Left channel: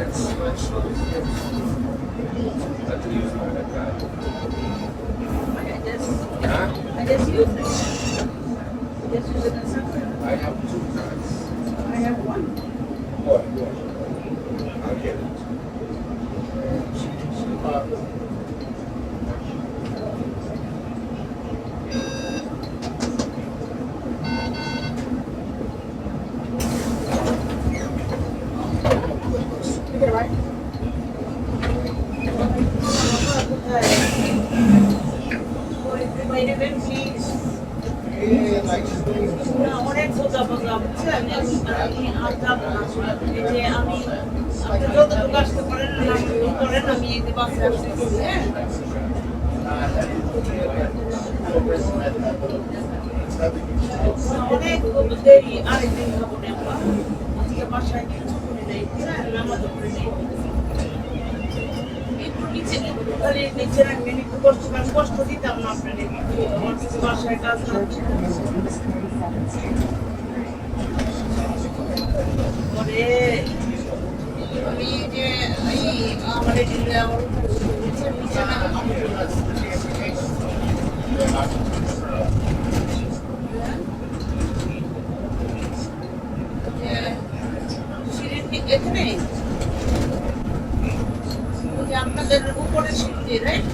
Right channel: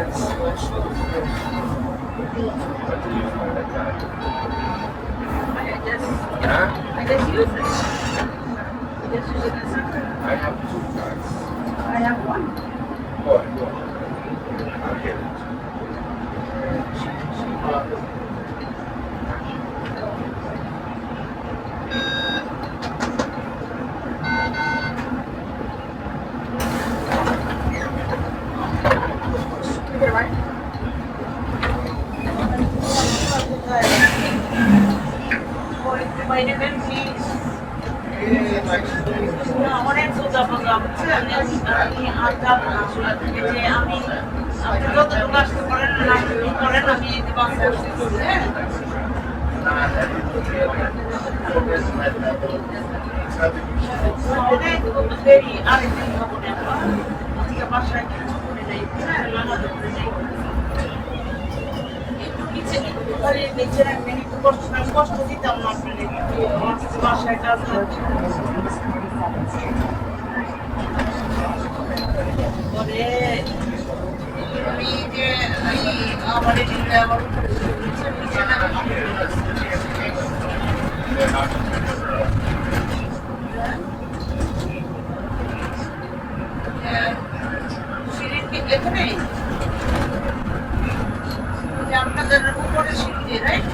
I just use it. I just use it as something. I have two cards. I have one. Go ahead. I'll get it. অনেক সোজা বোঝা বুঝছেন আমি আর যাবো না এই যে আমি আপনি যতটুকু আসতে পারেন করেন আমি বাসে আসতেছি হ্যাঁ অনেক দেরি আরেকদিন খাবো না আজকে বাসায় কিছু করে নেই হ্যাঁ নামাজ করে নেই নিচে রাখবেন একটু কষ্ট দিতাম না আপনাদের আমার কিছু বাসায় কাজ হচ্ছে তবে আমি যে আমার এদিকে আমার নিচে সিঁড়ির দিকে এখানে আপনাদের উপরে সিঁড়ি দিয়ে রাইট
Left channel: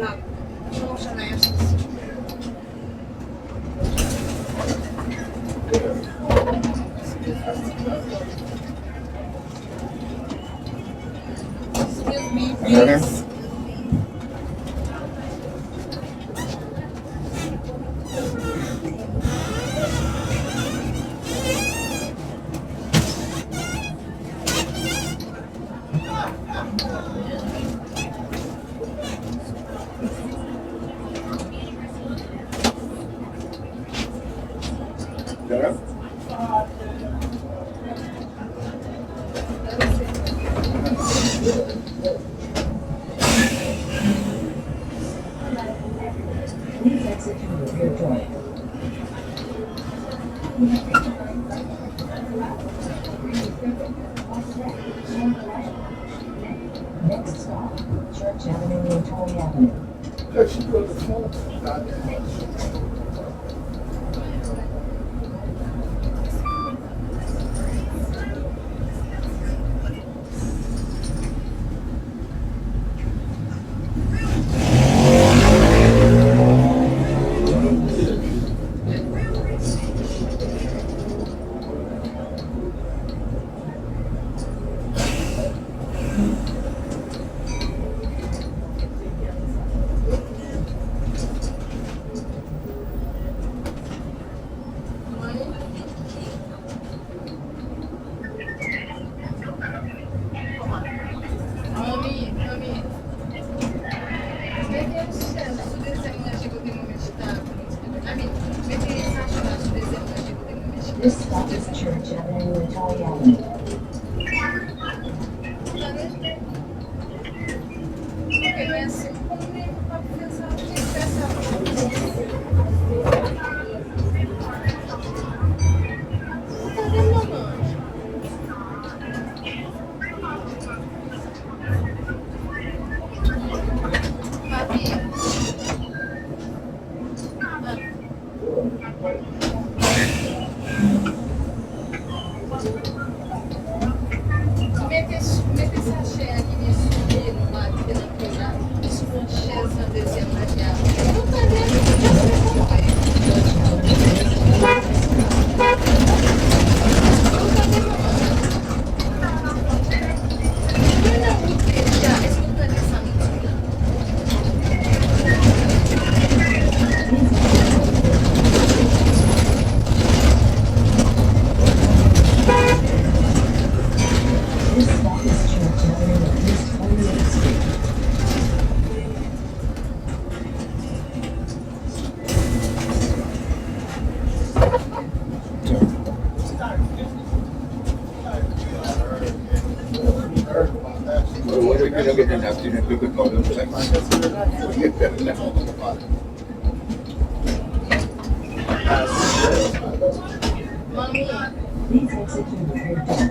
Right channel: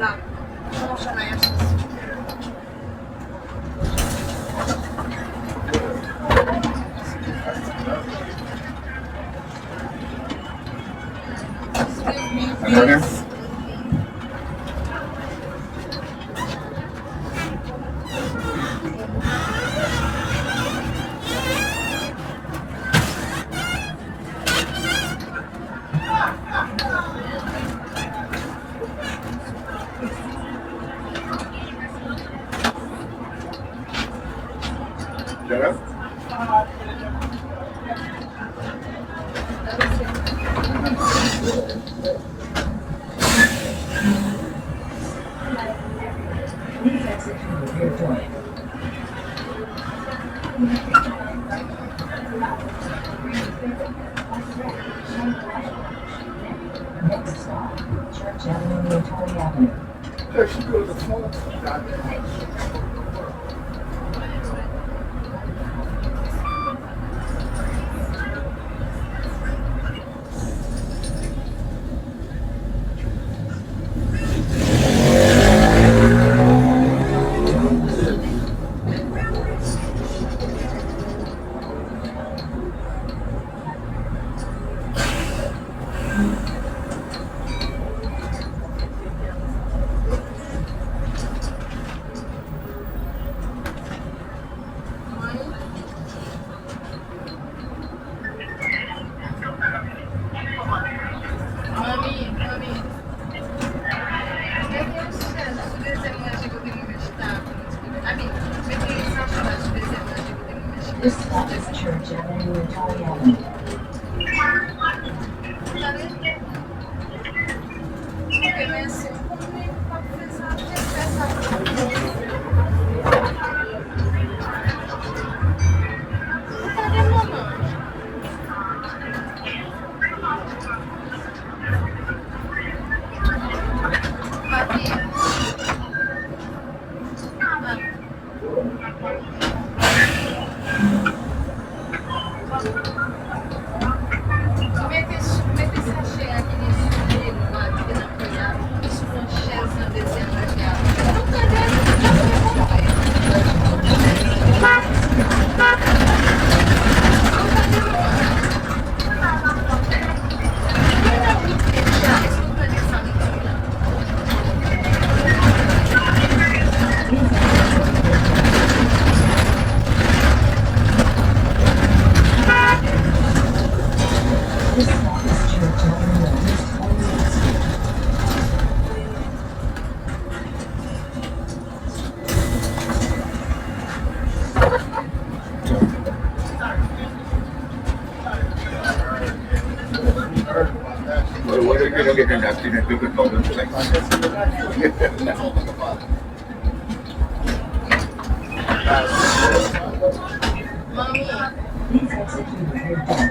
না সমস্যা নাই Excuse me, Yeah. Please exit to the rear door. Next stop, Church Avenue and Torrey Avenue. She goes to phone. This stop is Church Avenue and Torrey Avenue. This stop is Church Avenue and East 28th Street. Well, what if you don't get an accident because all those things? Please exit through the third door.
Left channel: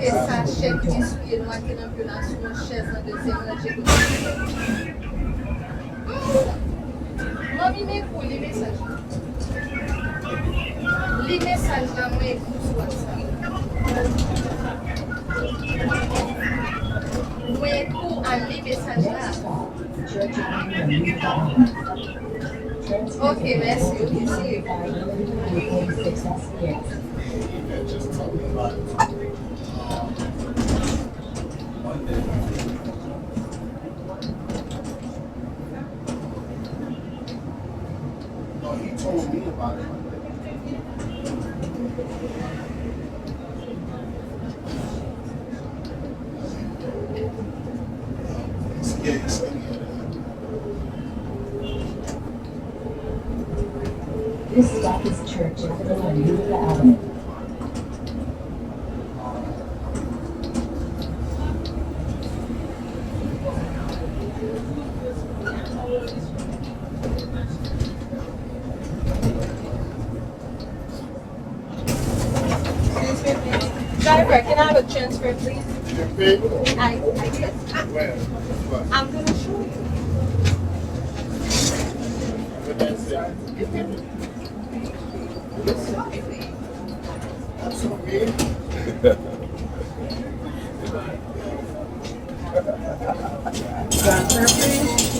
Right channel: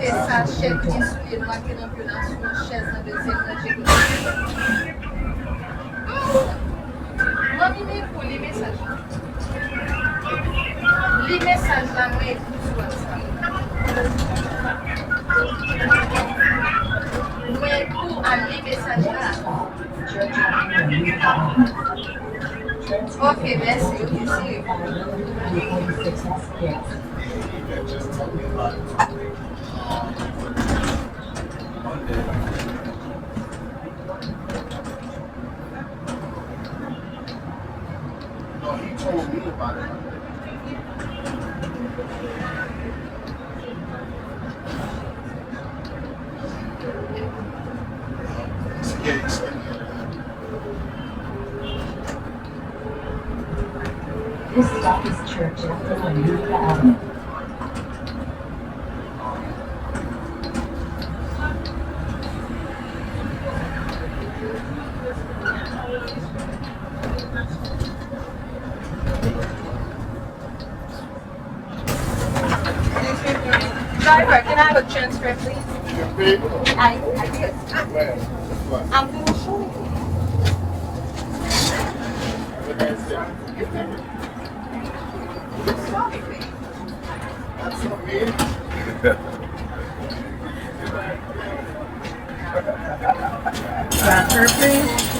Essa chefe de insulina lá que não viu na sua chefe na dezembro da gente. Mami, me pôr li mensagem. Li mensagem lá no e-book WhatsApp. No e-book a li mensagem Next lá. stop, Church Avenue and Utah Avenue. Transfer Ok, merci, eu recebi. 346 SPS. No, he told me about it. It's getting skinnier. This stop is Church Avenue and Utah Avenue. Driver, can I have a transfer, please? You pay? Where? I'm going to show you. That's okay. Transfer, please.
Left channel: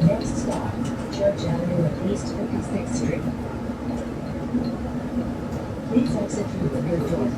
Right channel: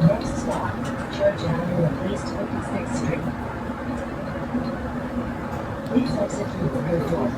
Next stop, Church Avenue at East 56th Street. Please exit through the rear door.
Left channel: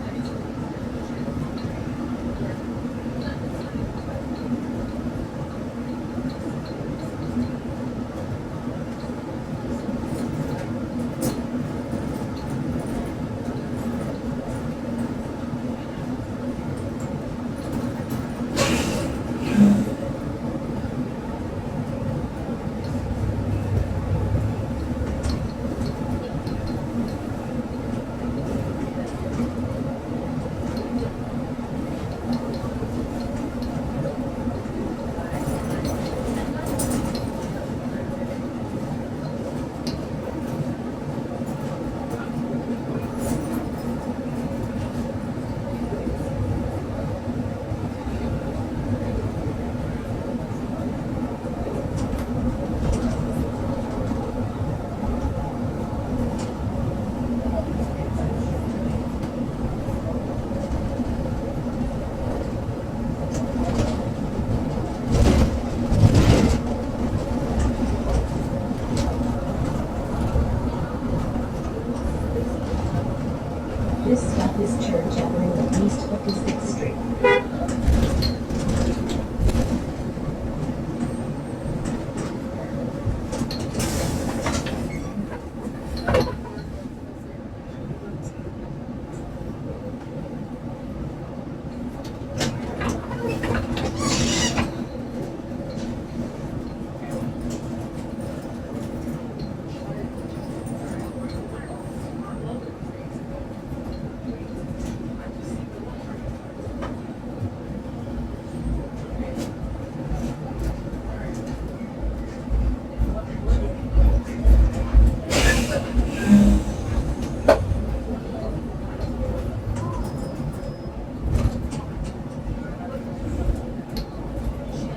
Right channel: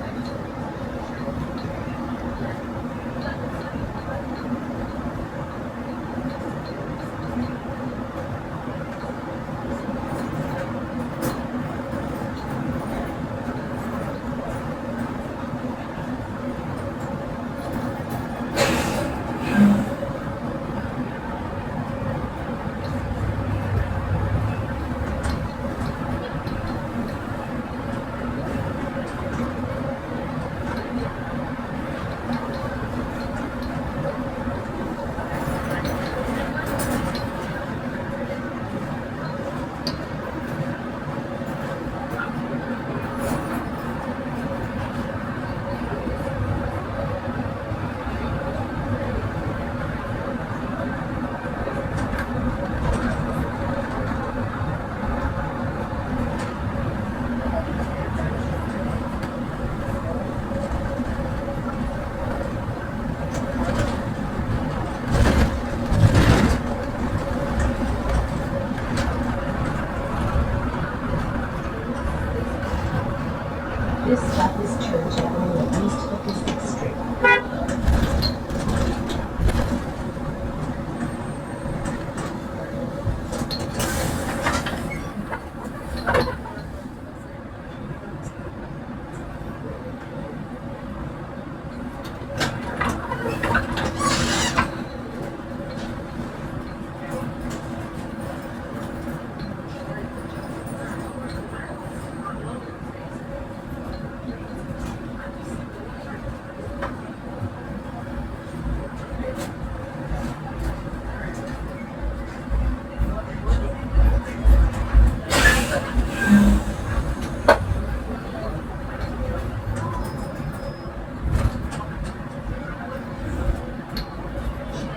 This stop is Church Avenue at East 56th Street.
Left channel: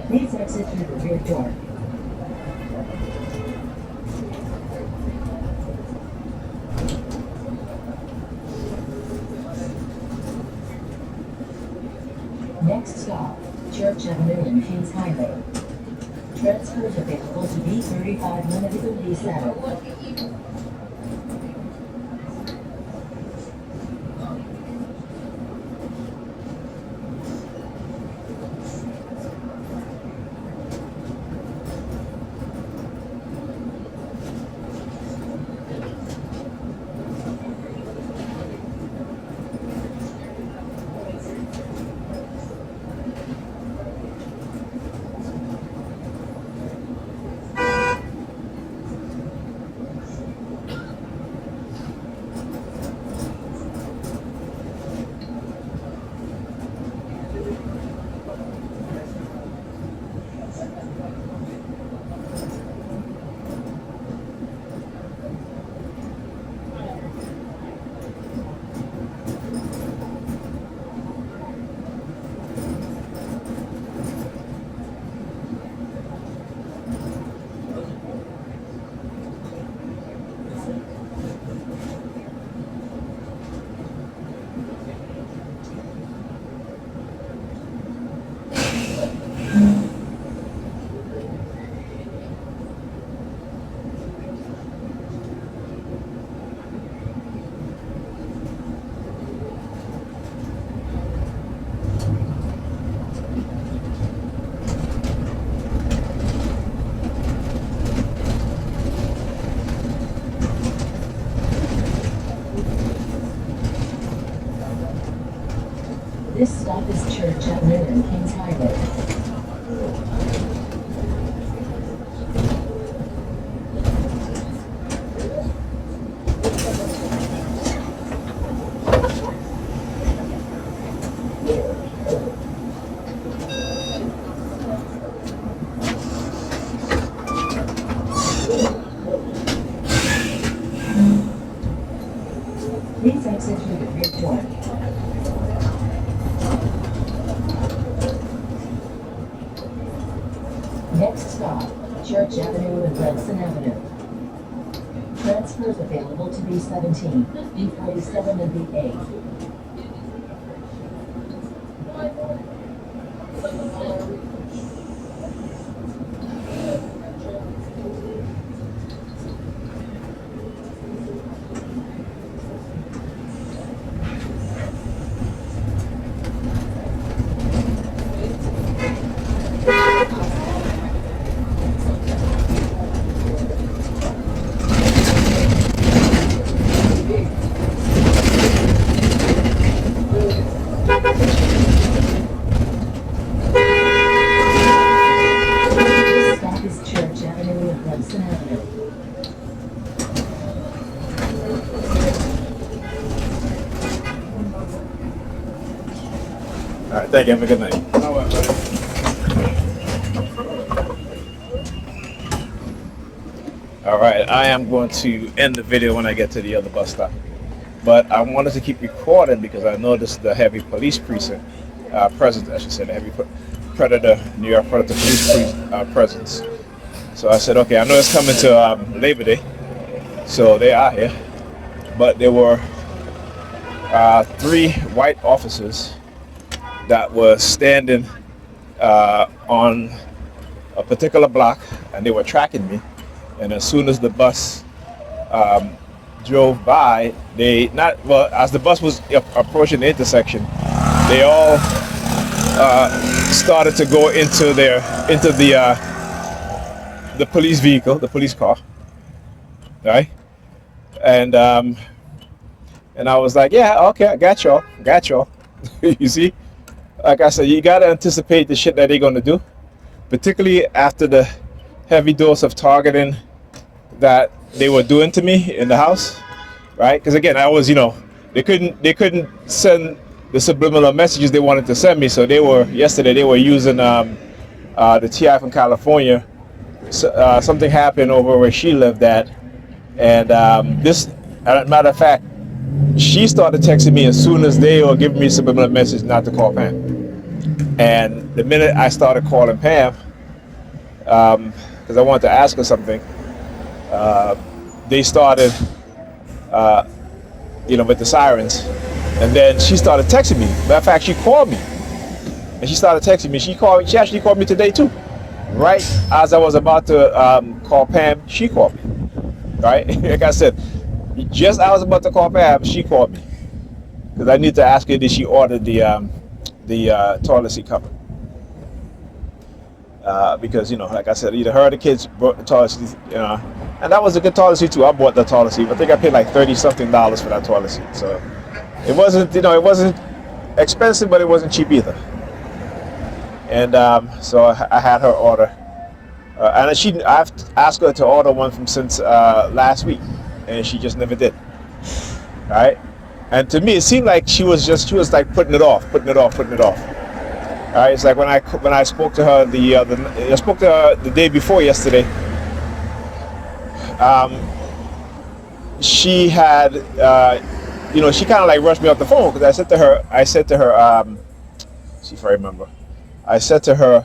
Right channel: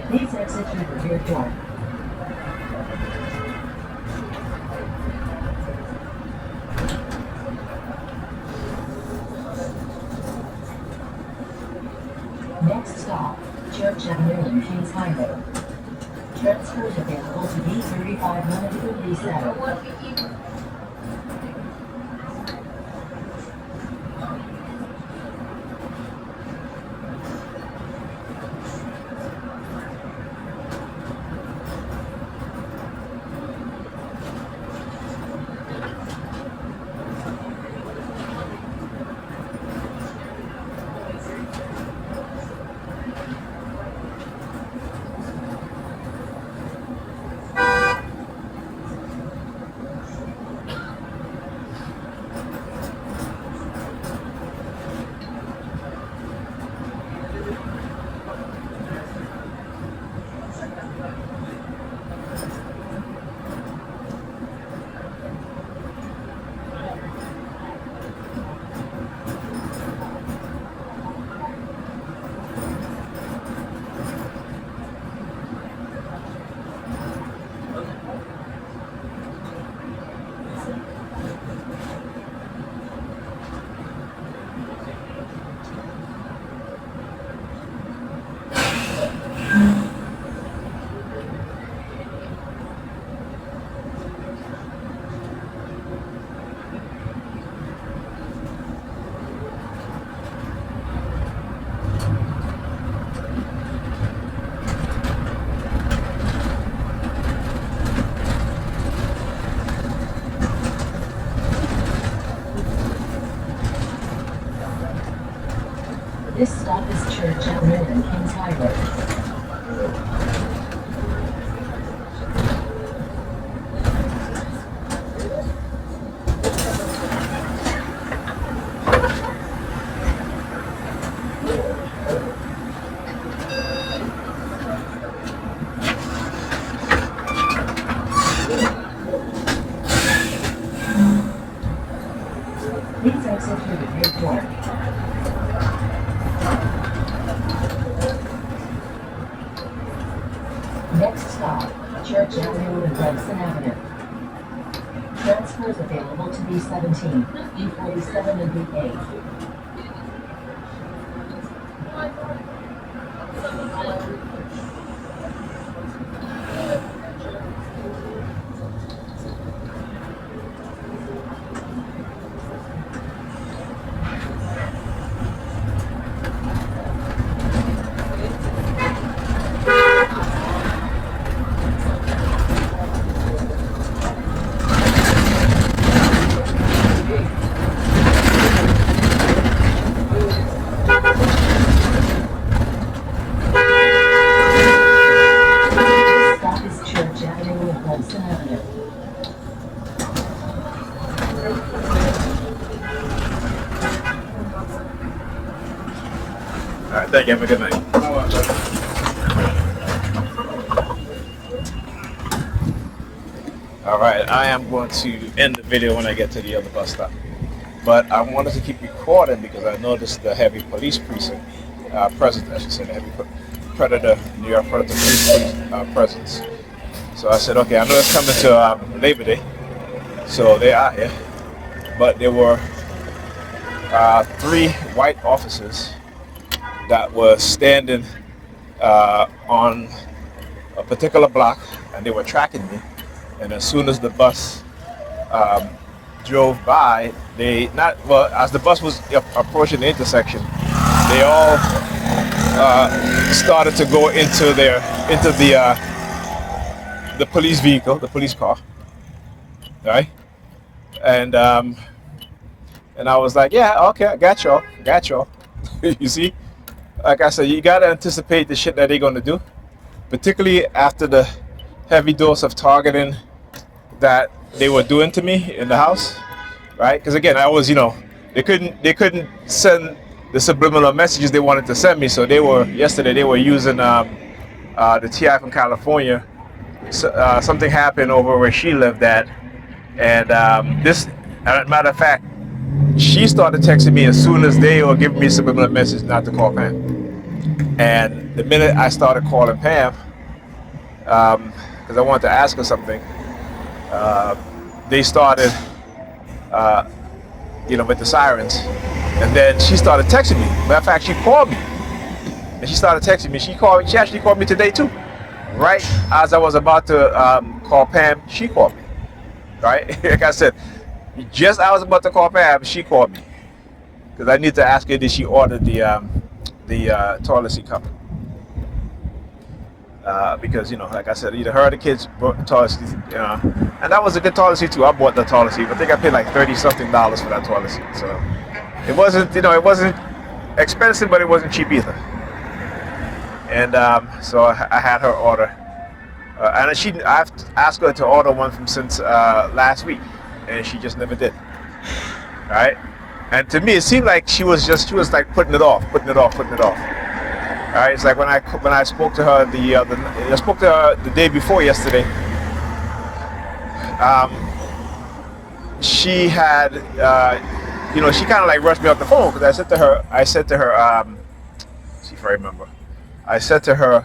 Please exit through the rear door. Next stop, Church Avenue and Kings Highway. Transfers available to B35 Limited will be set. executed report. Next stop, Church Avenue and Hudson Avenue. Transfers available to B17, B47, and B8. Stop is Church Avenue and Hudson Avenue. All right, thank you. Have a good night. All right, I am going to end the video when I get to the other bus stop. But I wanted to keep recording because I noticed the heavy police precinct presence, I should say, the heavy New York Predator police presence. So I said, okay, I know it's coming to Labor Day, so they are here. But there were 3 white officers that were standing on a particular block, and they were tracking me. And as soon as the bus drove by, as the bus was approaching the intersection, they all started to go into the police vehicle, the police car, right? And I was like, yeah, okay, I got y'all. You see, like I said, you gotta anticipate the shit that they're gonna do, particularly after the heavy dose of targeting that they were doing to me in the house, right? Because again, I was, they couldn't send the subliminal messages they wanted to send me, so yesterday they were using the TI from California. Something happened over where she lived at, and matter of fact, she started texting me as soon as they were giving me a subliminal message not to call Pam. And the minute I started calling Pam, because I wanted to ask her something, they started, with the sirens, and then she started texting me. Matter of fact, she called me, and she started texting me. She actually called me today too. Right as I was about to call Pam, she called me. Right, like I said, just I was about to call Pam, she called me because I need to ask her did she order the toilet seat cover. Because like I said, either her or the kids brought the toilet seat, and that was a good toilet seat too. I bought the toilet seat. I think I paid like $30-something for that toilet seat. So it wasn't, it wasn't expensive, but it wasn't cheap either. And so I had her order, and I've asked her to order one from since last week, and she just never did. Right? And to me, it seemed like she was like putting it off. Right? It's like when I spoke to her the day before yesterday. She had, she kind of like rushed me off the phone because I said to her, see if I remember. I said to her,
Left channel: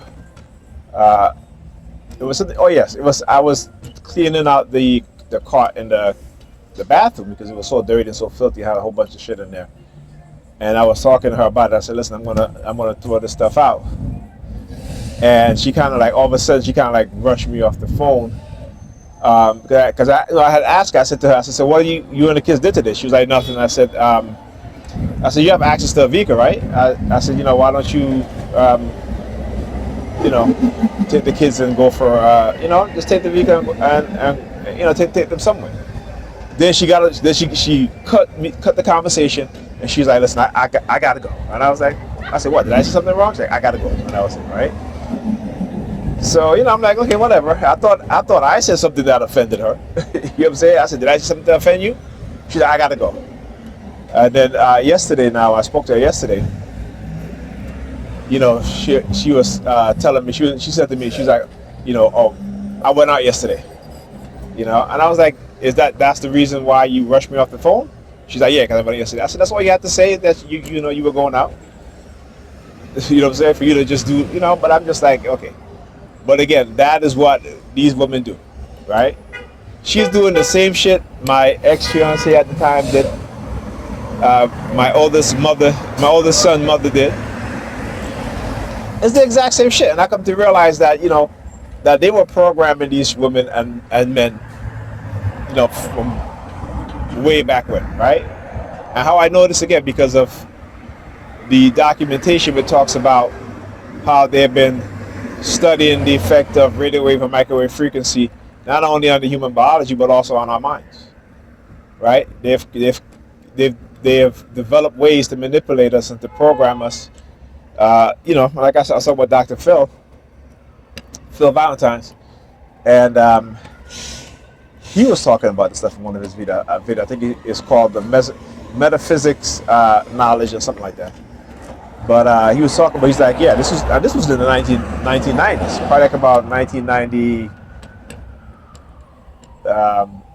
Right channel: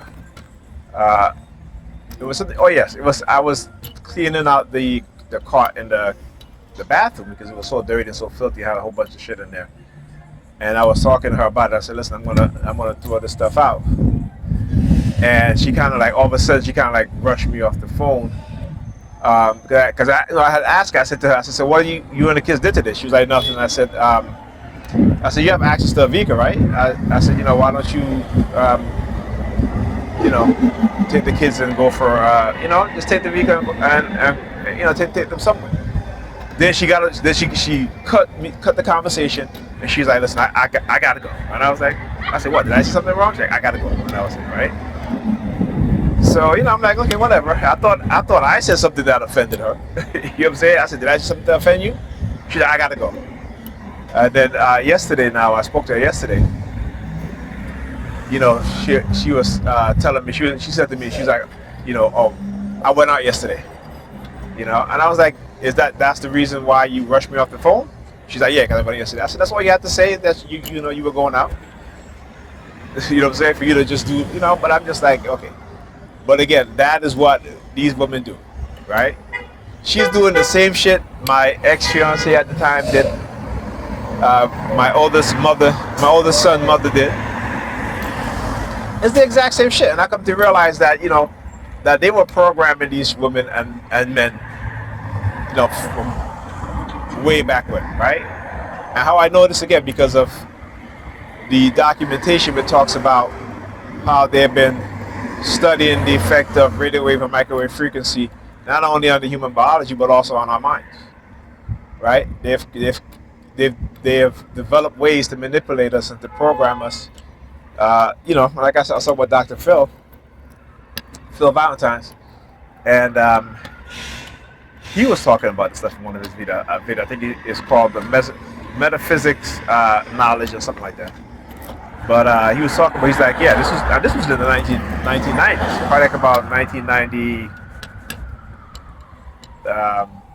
it was something. Oh yes, it was. I was cleaning out the cart in the bathroom because it was so dirty and so filthy. Had a whole bunch of shit in there. And I was talking to her about it. I said, listen, I'm gonna throw this stuff out. And she kind of like, all of a sudden, she kind of like rushed me off the phone. Because I had asked her, I said to her, so what you and the kids did to this? She was like, nothing. I said, you have access to a vehicle, right? I said, why don't you, take the kids and go for, just take the vehicle and take them somewhere. Then she cut the conversation, and she was like, listen, I gotta go. And I said, what, did I say something wrong? She's like, I gotta go. And I was like, right? So, I'm like, okay, whatever. I thought I said something that offended her. You know what I'm saying? I said, did I say something that offend you? She's like, I gotta go. And then yesterday now, I spoke to her yesterday. She was telling me, she said to me, she's like, I went out yesterday. And I was like, that's the reason why you rushed me off the phone? She's like, yeah, because I went out yesterday. I said, that's all you have to say, that you know, you were going out. You know what I'm saying? For you to just do, you know, but I'm just like, okay. But again, that is what these women do, right? She's doing the same shit my ex-fiance at the time did. My oldest son mother did. It's the exact same shit. And I come to realize that, you know, that they were programming these women and men, you know, from way back when, right? And how I know this again, because of the documentation that talks about how they've been studying the effect of radio wave and microwave frequency, not only on the human biology, but also on our minds, right? They've developed ways to manipulate us and to program us. You know, like I saw with Dr. Phil Valentine's, and he was talking about this stuff in one of his video. I think it's called the metaphysics knowledge or something like that. But he was talking about, he's like, yeah, this was in the 1990s, probably like about 1990,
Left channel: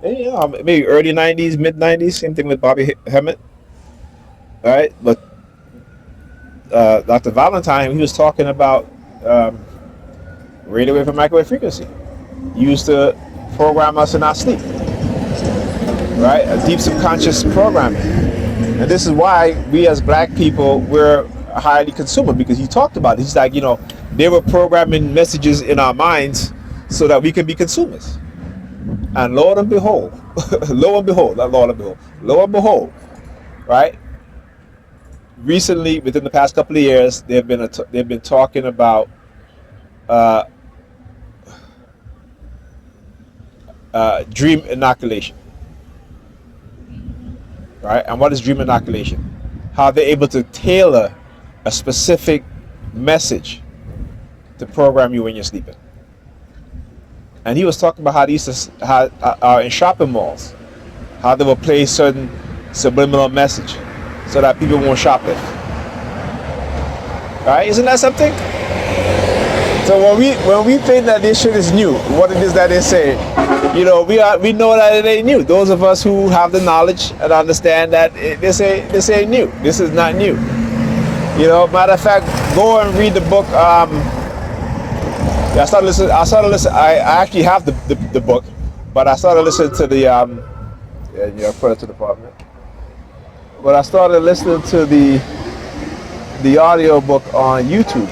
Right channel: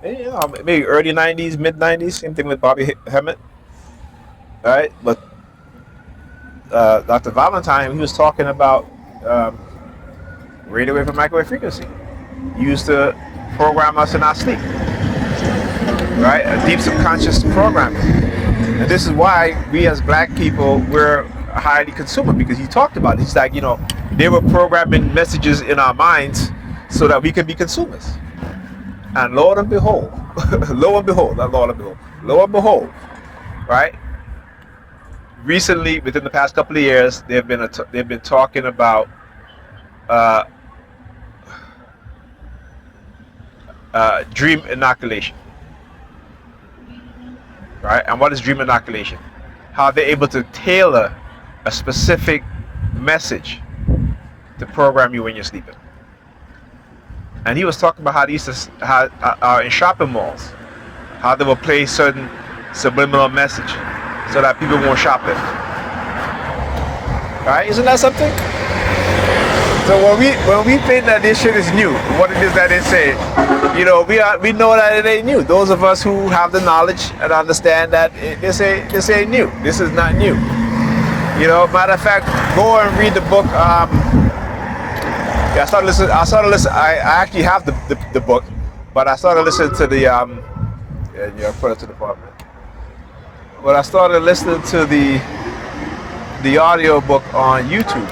you know, maybe early 90s, mid 90s, same thing with Bobby Hemmett, right? But Dr. Valentine, he was talking about radio wave and microwave frequency used to program us in our sleep, right? A deep subconscious programming. And this is why we as black people, we're highly consumer, because he talked about it. He's like, you know, they were programming messages in our minds so that we can be consumers. And lo and behold, right? Recently, within the past couple of years, they've been talking about dream inoculation, right? And what is dream inoculation? How they're able to tailor a specific message to program you when you're sleeping. And he was talking about how they used to, in shopping malls, how they will play certain subliminal message so that people won't shop it. Right? Isn't that something? So when we think that this shit is new, what it is that they say, you know, we know that it ain't new. Those of us who have the knowledge and understand that this ain't new. This is not new. You know, matter of fact, go and read the book. I started listening. I actually have the book, but I started listening to the put it to the department. But I started listening to the audio book on YouTube.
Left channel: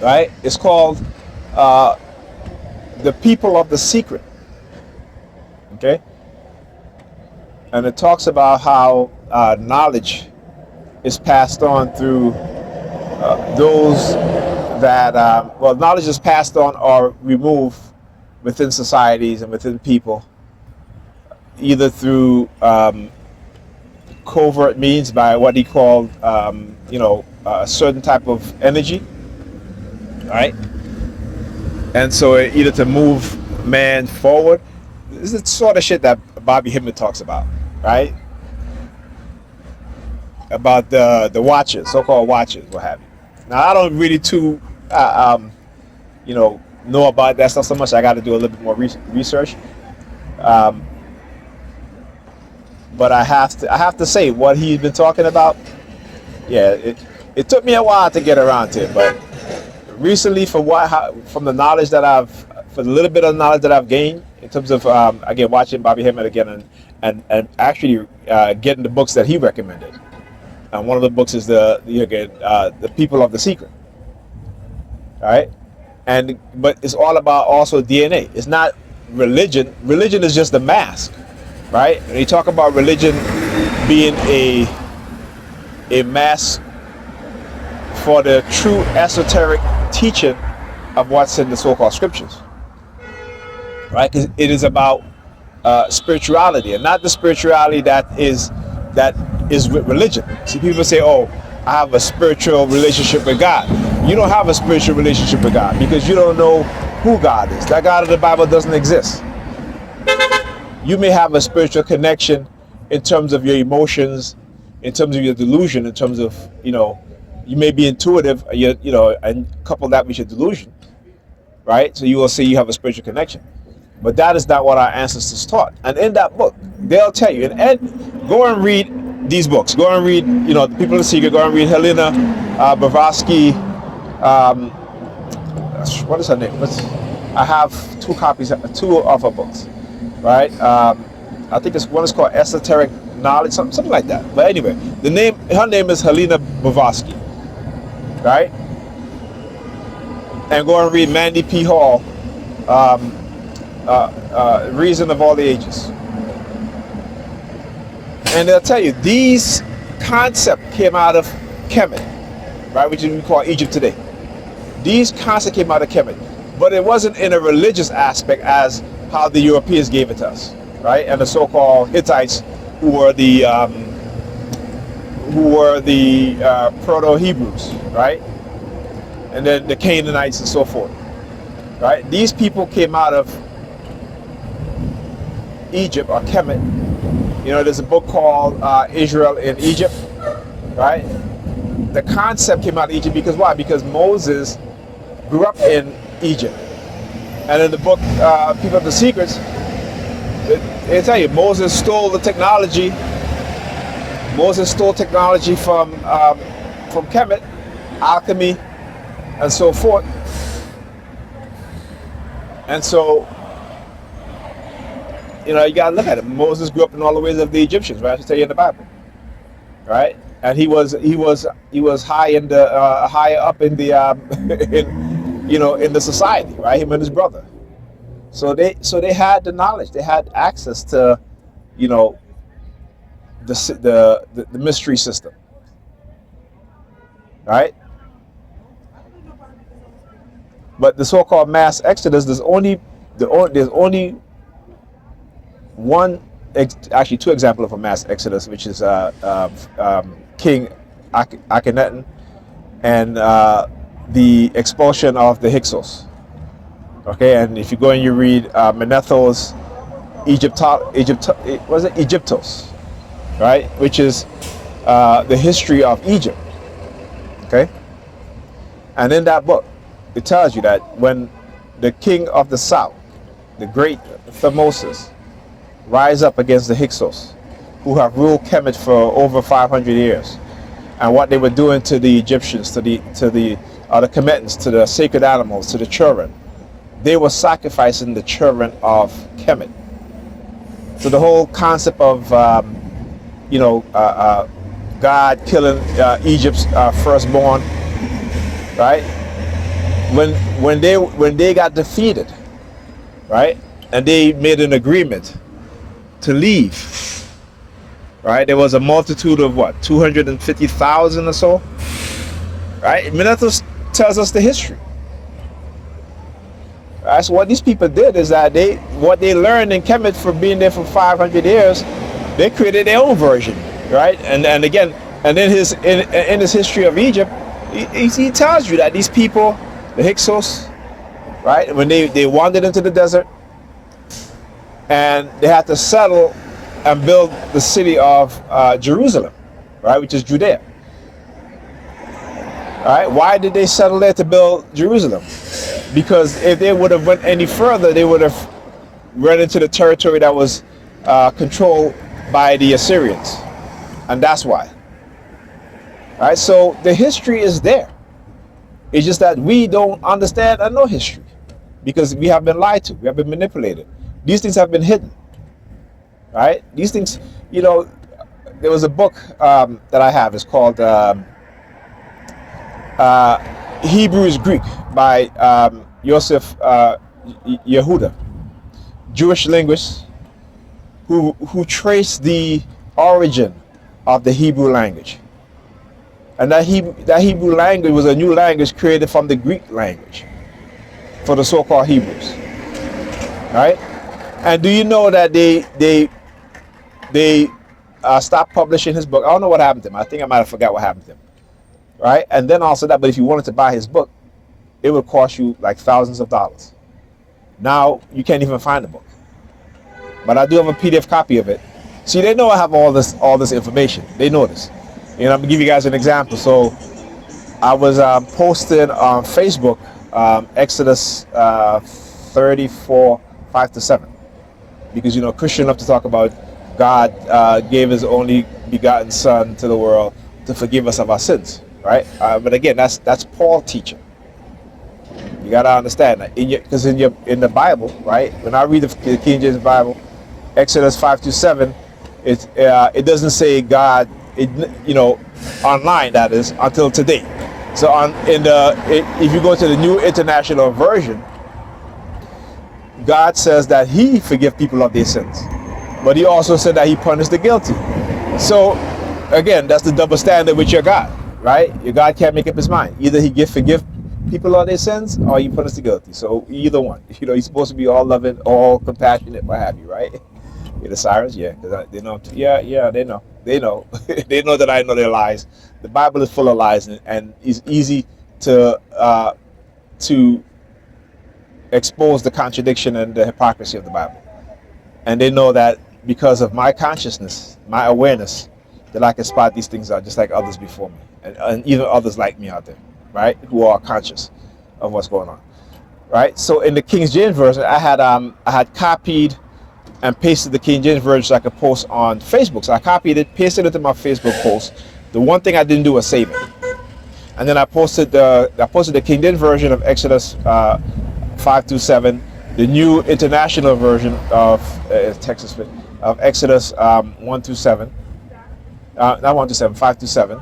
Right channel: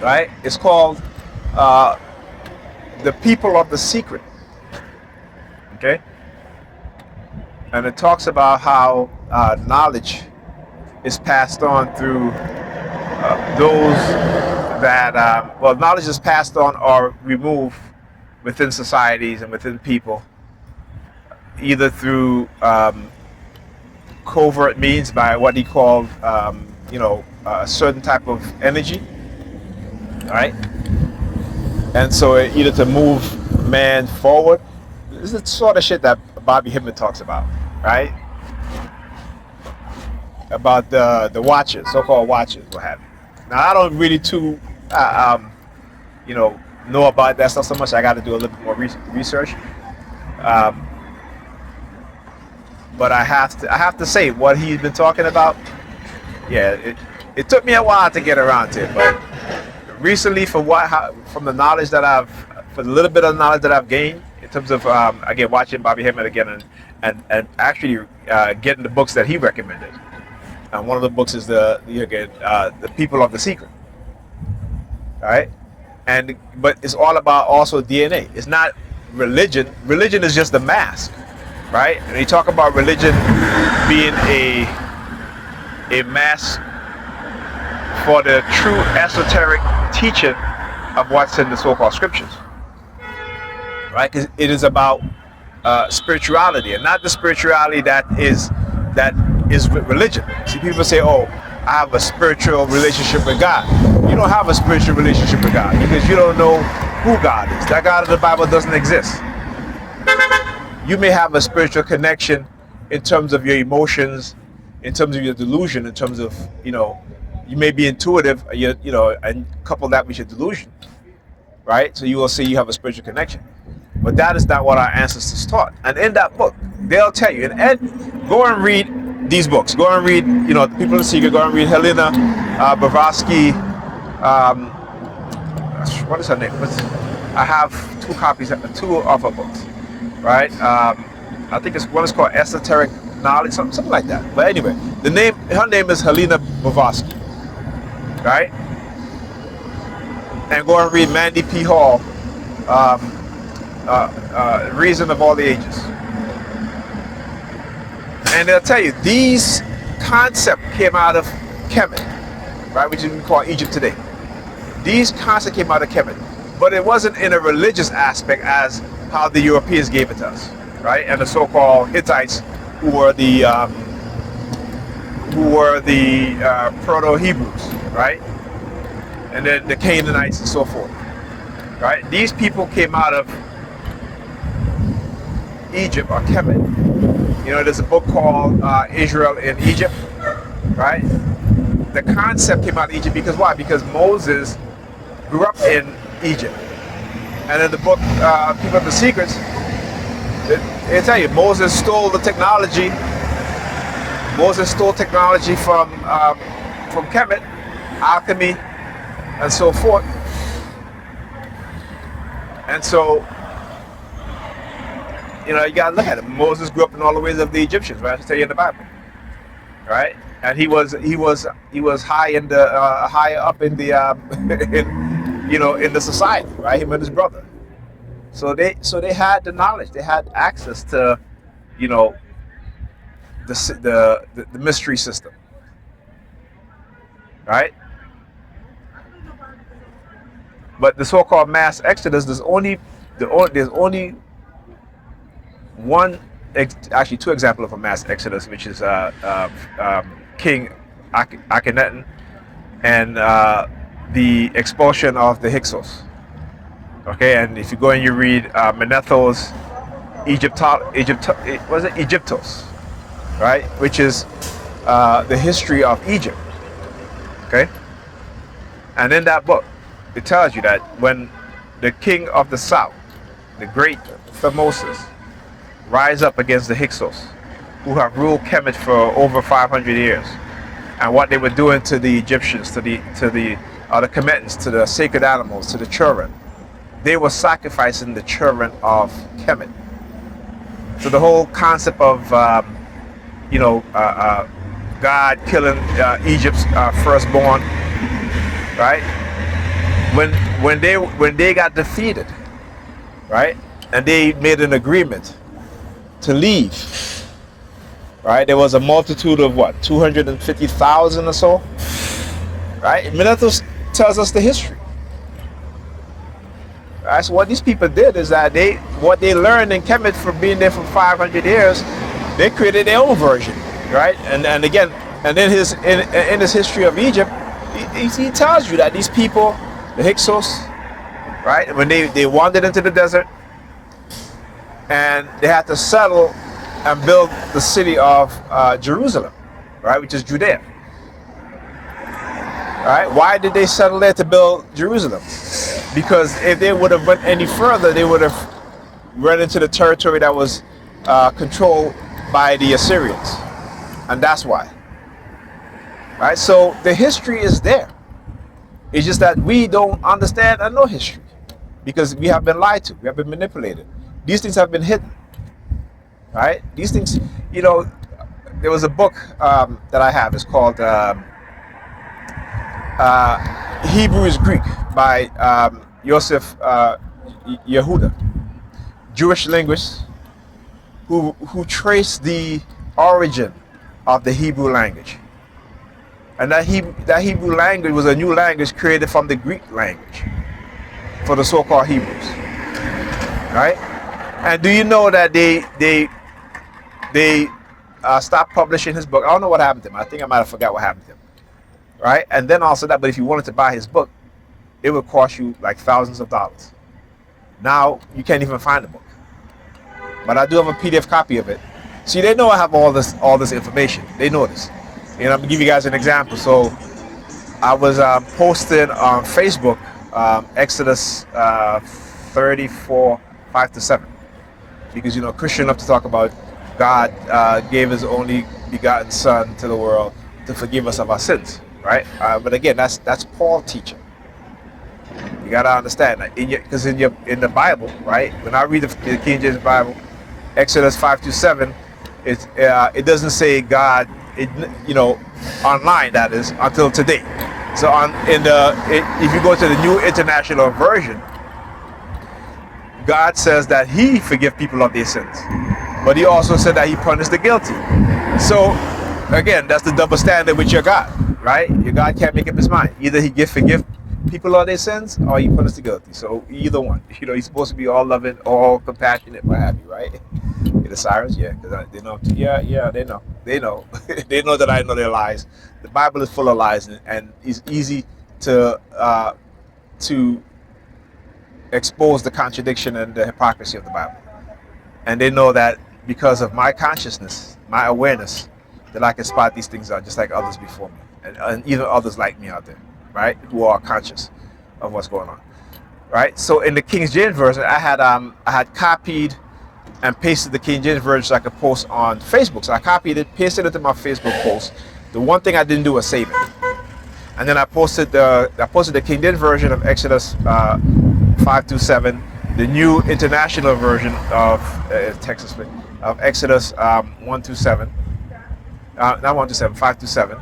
Right? It's called The People of the Secret. Okay? And it talks about how knowledge is passed on through those that, knowledge is passed on or removed within societies and within people, either through covert means by what he called, a certain type of energy, right? And so either to move man forward, this is the sort of shit that Bobby Hemmett talks about, right? About the watchers, so-called watchers, what have you. Now, I don't really know about that stuff so much. I got to do a little bit more research. But I have to say, what he's been talking about, yeah, it took me a while to get around to it, but recently, from the knowledge that for the little bit of knowledge that I've gained in terms of again watching Bobby Hemmett again and actually getting the books that he recommended. And one of the books is the People of the Secret. All right, but it's all about also DNA. It's not religion. Religion is just a mask, right? And they talk about religion being a mask for the true esoteric teaching of what's in the so-called scriptures, right? Because it is about spirituality, and not the spirituality that is religion. See, people say, "Oh, I have a spiritual relationship with God." You don't have a spiritual relationship with God because you don't know who God is. That God of the Bible doesn't exist. You may have a spiritual connection in terms of your emotions, in terms of your delusion, in terms of, you may be intuitive, and couple that with your delusion, right? So you will say you have a spiritual connection. But that is not what our ancestors taught. And in that book, they'll tell you. And go and read these books. Go and read, The People in the Secret. Go and read Helena Blavatsky. What is her name? I have two of her books, right? I think one is called Esoteric Knowledge, something like that. But anyway, her name is Helena Blavatsky, right? And go and read Mandy P. Hall, Reason of All the Ages. And they'll tell you, these concepts came out of Kemet, right, which we call Egypt today. These concepts came out of Kemet, but it wasn't in a religious aspect as how the Europeans gave it to us, right? And the so-called Hittites, who were the Proto-Hebrews, right? And then the Canaanites and so forth, right? These people came out of Egypt or Kemet. There's a book called Israel in Egypt, right? The concept came out of Egypt because why? Because Moses grew up in Egypt. And in the book People of the Secrets, they tell you Moses stole the technology. Moses stole technology from Kemet, alchemy, and so forth. And so, you gotta look at it. Moses grew up in all the ways of the Egyptians, right? I tell you in the Bible, right? And he was high in the higher up in the in the society, right? Him and his brother. So they had the knowledge. They had access to, the mystery system, right? But the so-called mass exodus, there's only actually two examples of a mass exodus, which is King Akhenaten and the expulsion of the Hyksos. Okay, and if you go and you read Manetho's Egyptos, right, which is the history of Egypt. Okay, and in that book, it tells you that when the king of the south, the great Thutmose, rise up against the Hyksos, who have ruled Kemet for over 500 years, and what they were doing to the Egyptians, to the Kemetans, to the sacred animals, to the children, they were sacrificing the children of Kemet. So the whole concept of God killing Egypt's firstborn, right? When they got defeated, right, and they made an agreement to leave, right? There was a multitude of 250,000 or so, right? Manetho tells us the history. Right? So what these people did is that what they learned in Kemet from being there for 500 years, they created their own version, right? And again, and in his history of Egypt, he tells you that these people, the Hyksos, right, when they wandered into the desert, and they had to settle and build the city of Jerusalem, right, which is Judea. Right? Why did they settle there to build Jerusalem? Because if they would have went any further, they would have run into the territory that was controlled by the Assyrians, and that's why. Right? So the history is there. It's just that we don't understand and know history because we have been lied to, we have been manipulated. These things have been hidden, right? These things, there was a book that I have. It's called Hebrew is Greek by Yosef Yehuda, Jewish linguist who traced the origin of the Hebrew language. And that Hebrew language was a new language created from the Greek language for the so-called Hebrews, right? And do you know that they stopped publishing his book? I don't know what happened to him. I think I might have forgot what happened to him, right? And then also that, but if you wanted to buy his book, it would cost you like thousands of dollars. Now you can't even find the book, but I do have a PDF copy of it. See, they know I have all this information. They know this. I'm gonna give you guys an example. So I was posting on Facebook Exodus 34 5 to 7. Because, you know, Christian love to talk about God gave his only begotten son to the world to forgive us of our sins, right? But again, that's Paul teaching. You gotta understand that because in the Bible, right? When I read the King James Bible, Exodus 5 to 7, it doesn't say God, you know, online, that is, until today. So if you go to the New International Version, God says that he forgives people of their sins, but he also said that he punished the guilty. So again, that's the double standard with your God, right? Your God can't make up his mind. Either he forgive people of their sins, or he punish the guilty. So either one. You know, he's supposed to be all loving, all compassionate, what have you, right? The sirens, yeah, because they know. Yeah, they know. They know. They know that I know their lies. The Bible is full of lies, and it's easy to expose the contradiction and the hypocrisy of the Bible. And they know that because of my consciousness, my awareness, that I can spot these things out just like others before me, and even others like me out there, right, who are conscious of what's going on, right? So in the King James Version, I had copied and pasted the King James Version so I could post on Facebook. So I copied it, pasted it to my Facebook post. The one thing I didn't do was save it. And then I posted the King James Version of Exodus 5 to 7, the New International Version of of Exodus 1 to 7, not 1 to 7, 5 to 7,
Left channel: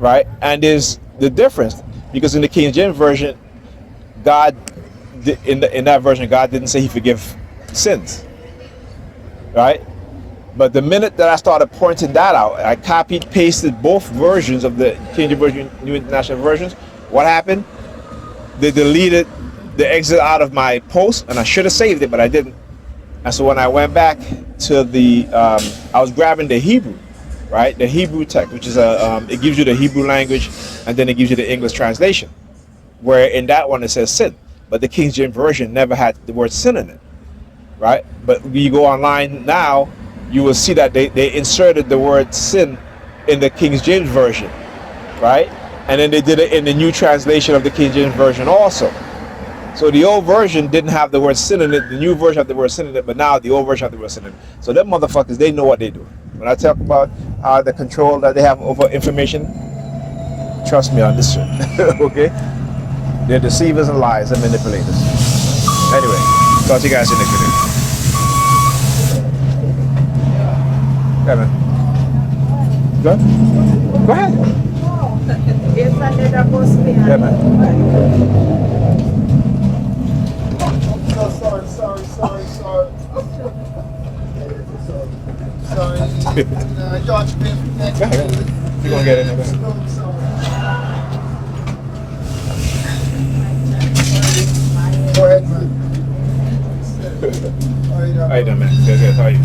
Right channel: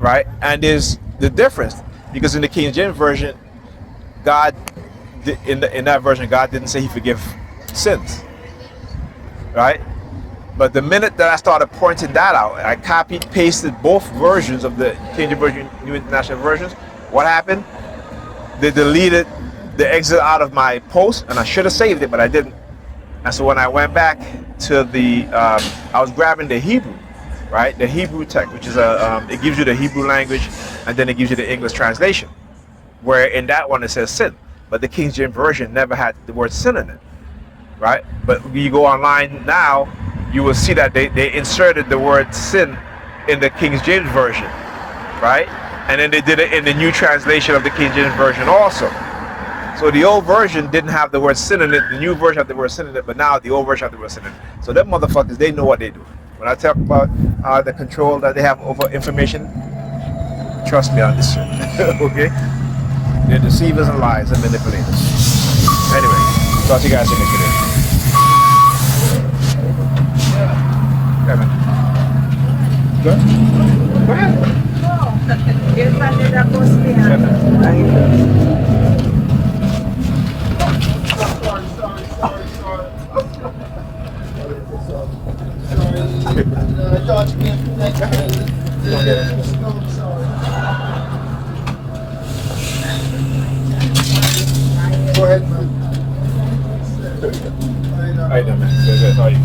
right? And there's the difference, because in the King James Version, God, in that version, God didn't say he forgive sins, right? But the minute that I started pointing that out, I copied, pasted both versions of the King James Version, New International Versions. What happened? They deleted the exit out of my post, and I should have saved it, but I didn't. And so when I went back to I was grabbing the Hebrew, right? The Hebrew text, which is it gives you the Hebrew language, and then it gives you the English translation, where in that one it says sin, but the King James Version never had the word sin in it, right? But when you go online now, you will see that they inserted the word sin in the King James Version, right? And then they did it in the new translation of the King James Version also. So the old version didn't have the word sin in it, the new version had the word sin in it, but now the old version had the word sin in it. So them motherfuckers, they know what they do. When I talk about the control that they have over information, trust me on this shit, okay? They're deceivers and liars and manipulators. Anyway, talk to you guys in this video. Yeah, man. Go ahead. Yeah, man. Sorry. Dodge me. You don't get it. Go ahead, man. How you doing, man? Good. How are you?